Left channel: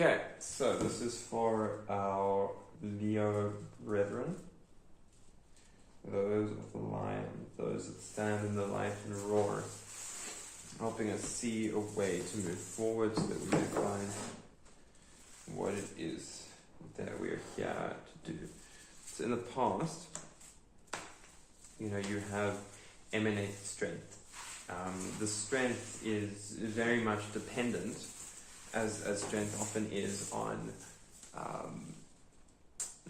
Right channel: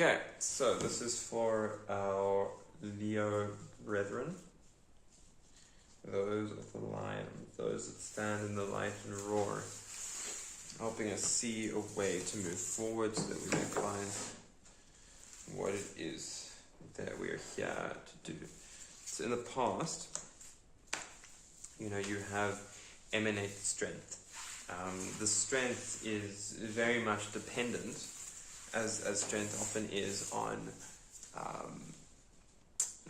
Okay, so this is for our Leo brethren, those of the lion, those that stand in the light and roar, helping us see a way to move forward so that we can find what it is that we're here to do. So in the past, you have emanated strength. The strength is very much dependent, as strength often is, on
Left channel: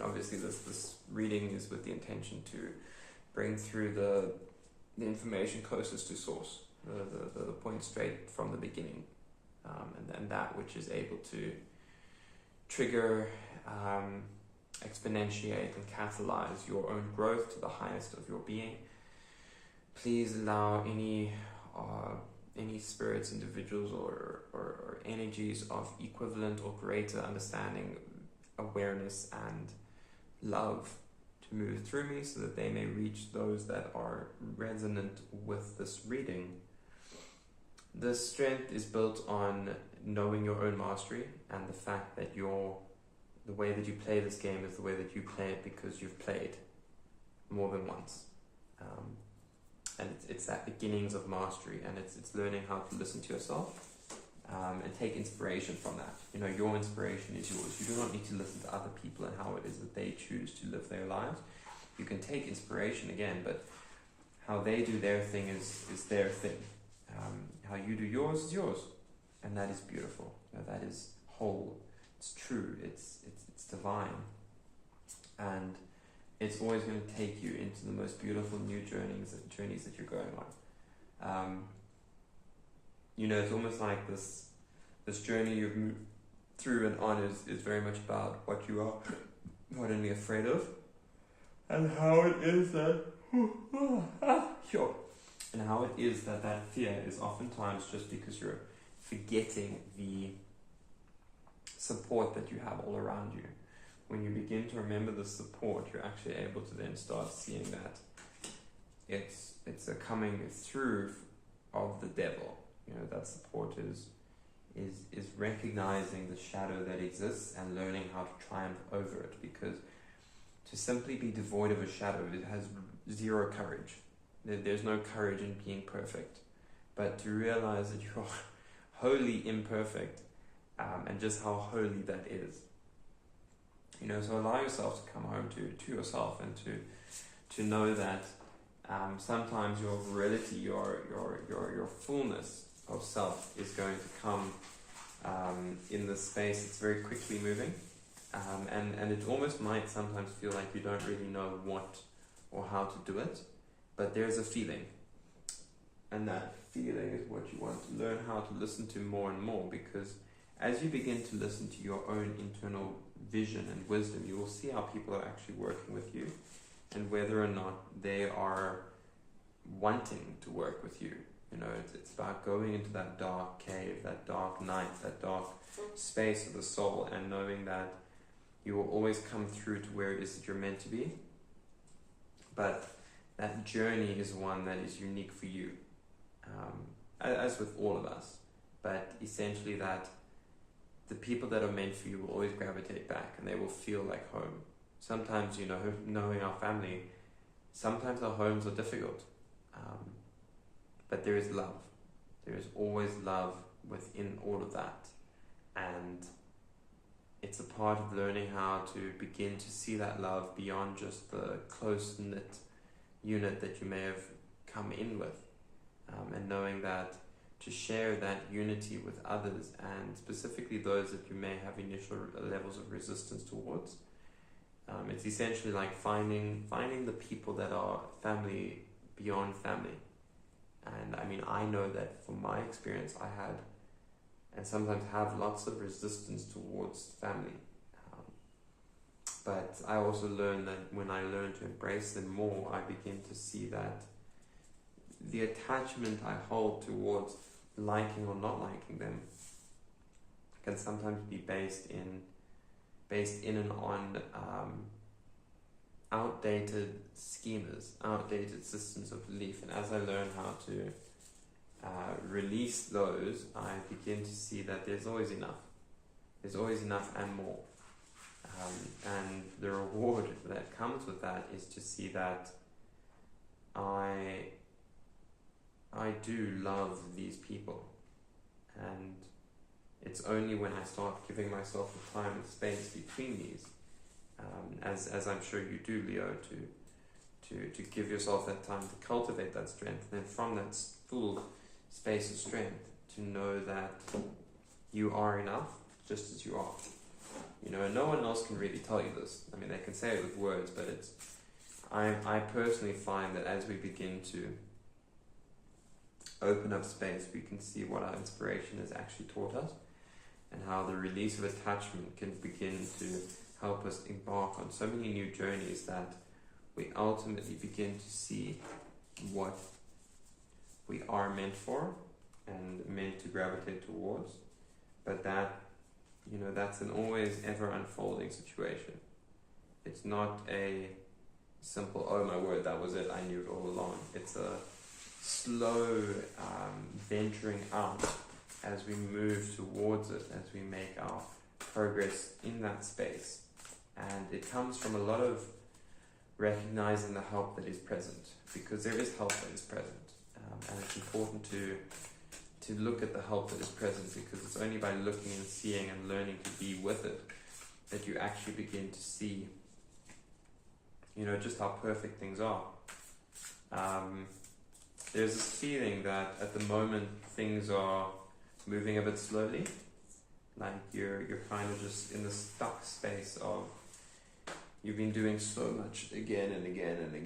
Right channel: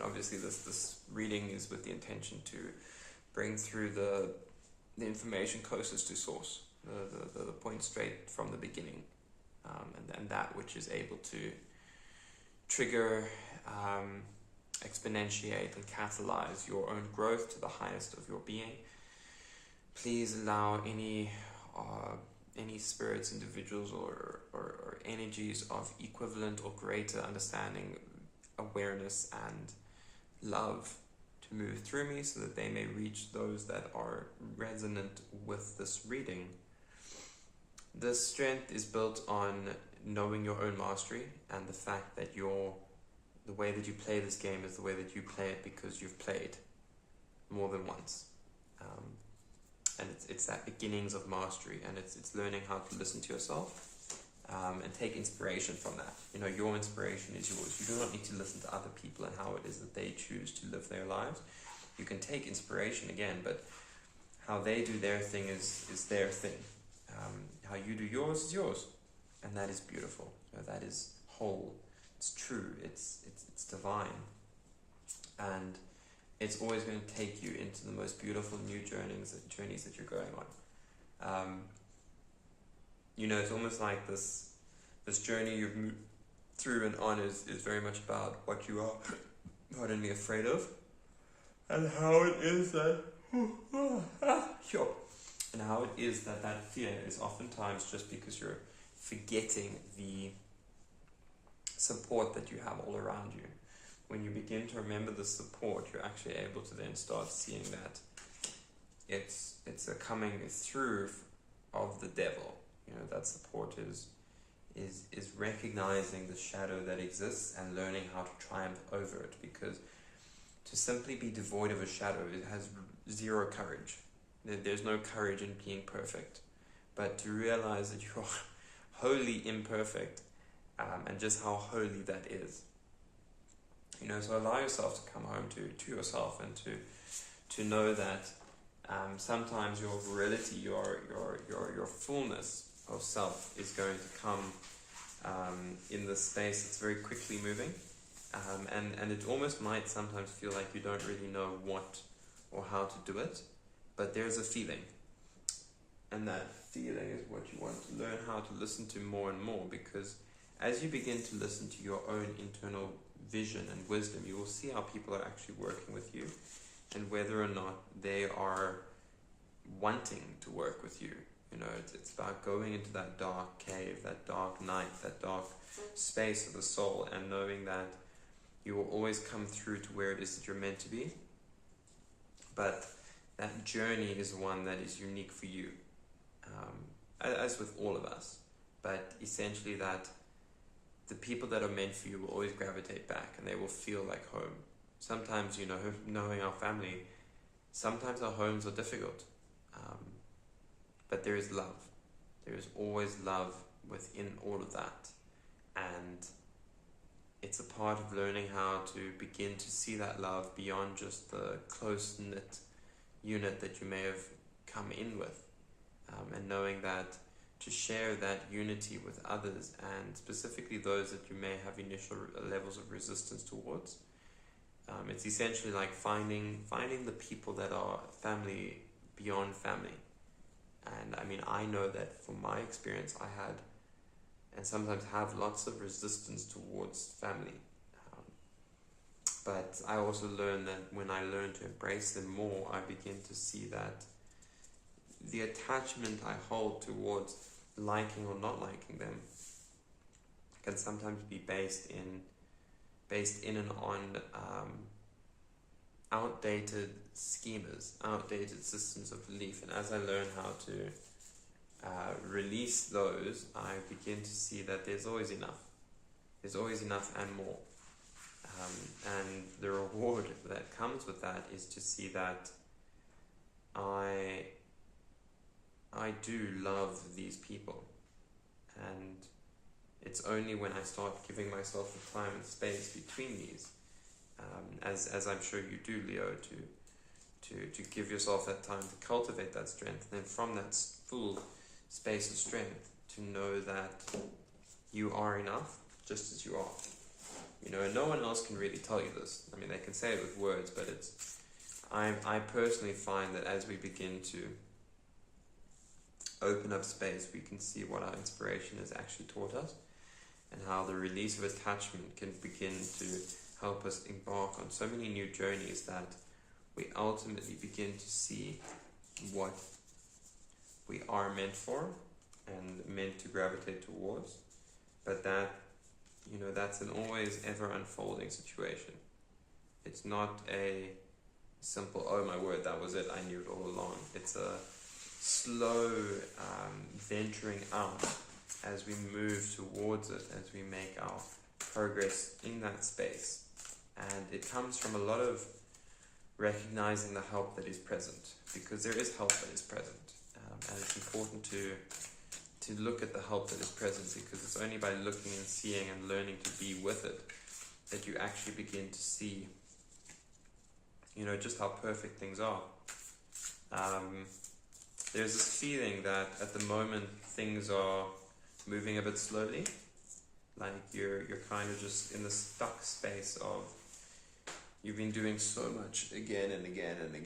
obviously this reading is with the intention to bring through the information closest to source, the point straight from the beginning, and that which is able to trigger, exponentiate and catalyze your own growth to the highest of your being. Please allow any spirits, individuals, or energies of equivalent or greater understanding, awareness, and love to move through me so that they may reach those that are resonant with this reading. This strength is built on knowing your own mastery and the fact that the way that you play this game is the way that you play it because you've played more than once. And it's that beginnings of mastery, and it's learning how to listen to yourself and take inspiration from that. Your inspiration is yours. You do not need to listen to other people and how it is that they choose to live their lives. You can take inspiration again, but how they do their thing is their thing. How you do yours is yours, and that is beautiful. That is whole. It's true. It's divine, and it's always going to take you into the most beautiful new journeys that you're going on. It's almost like this journey you've moved through and on is very much about what you are not only afraid of, and how it is that and how it is that fear is oftentimes just because you're forgetting the support that you have all around you. When you begin to remember the support, you're actually able to then start seeing that it's a coming through of the devil. That support is recognizing the shadow that exists and learning how to triumph over it, because to simply be devoid of a shadow, it has zero courage. There's no courage in being perfect, but to realize that you're wholly imperfect, and just how holy that is. So allow yourself to come home to yourself, and to know that sometimes your virility, your fullness of self is going to come in this space that's very quickly moving, and it almost might sometimes feel like you don't really know what or how to do it, but there's a feeling, and that feeling is what you want to learn how to listen to more and more, because as you begin to listen to your own internal vision and wisdom, you will see how people are actually working with you, and whether or not they are wanting to work with you. It's about going into that dark cave, that dark night, that dark space of the soul, and knowing that you will always come through to where it is that you're meant to be. But that journey is one that is unique for you, as with all of us. But essentially that the people that are meant for you will always gravitate back, and they will feel like home. Sometimes, knowing our family, sometimes our homes are difficult, but there is love. There is always love within all of that, and it's a part of learning how to begin to see that love beyond just the close-knit unit that you may have come in with, and knowing that to share that unity with others, and specifically those that you may have initial levels of resistance towards. It's essentially like finding the people that are family beyond family. And I know that from my experience, I had and sometimes have lots of resistance towards family. But I also learned that when I learn to embrace them more, I begin to see that the attachment I hold towards liking or not liking them can sometimes be based in and on outdated schemas, outdated systems of belief. And as I learn how to release those, I begin to see that there's always enough. There's always enough and more. And the reward that comes with that is to see that I do love these people, and it's only when I start giving myself the time and space between these, as I'm sure you do, Leo, to give yourself that time to cultivate that strength, and then from that full space of strength to know that you are enough just as you are. You know, and no one else can really tell you this. I mean, they can say it with words, but I personally find that as we begin to open up space, we can see what our inspiration has actually taught us, and how the release of attachment can begin to help us embark on so many new journeys that we ultimately begin to see what we are meant for and meant to gravitate towards. But that, you know, that's an always ever unfolding situation. It's not a simple, oh my word, that was it, I knew it all along. It's a slow venturing out as we move towards it, as we make our progress in that space. And it comes from a lot of recognizing the help that is present, because there is help that is present. And it's important to look at the help that is present, because it's only by looking and seeing and learning to be with it that you actually begin to see, you know, just how perfect things are. There's this feeling that at the moment things are moving a bit slowly, like you're kind of just in the stuck space of you've been doing so much again and again and again.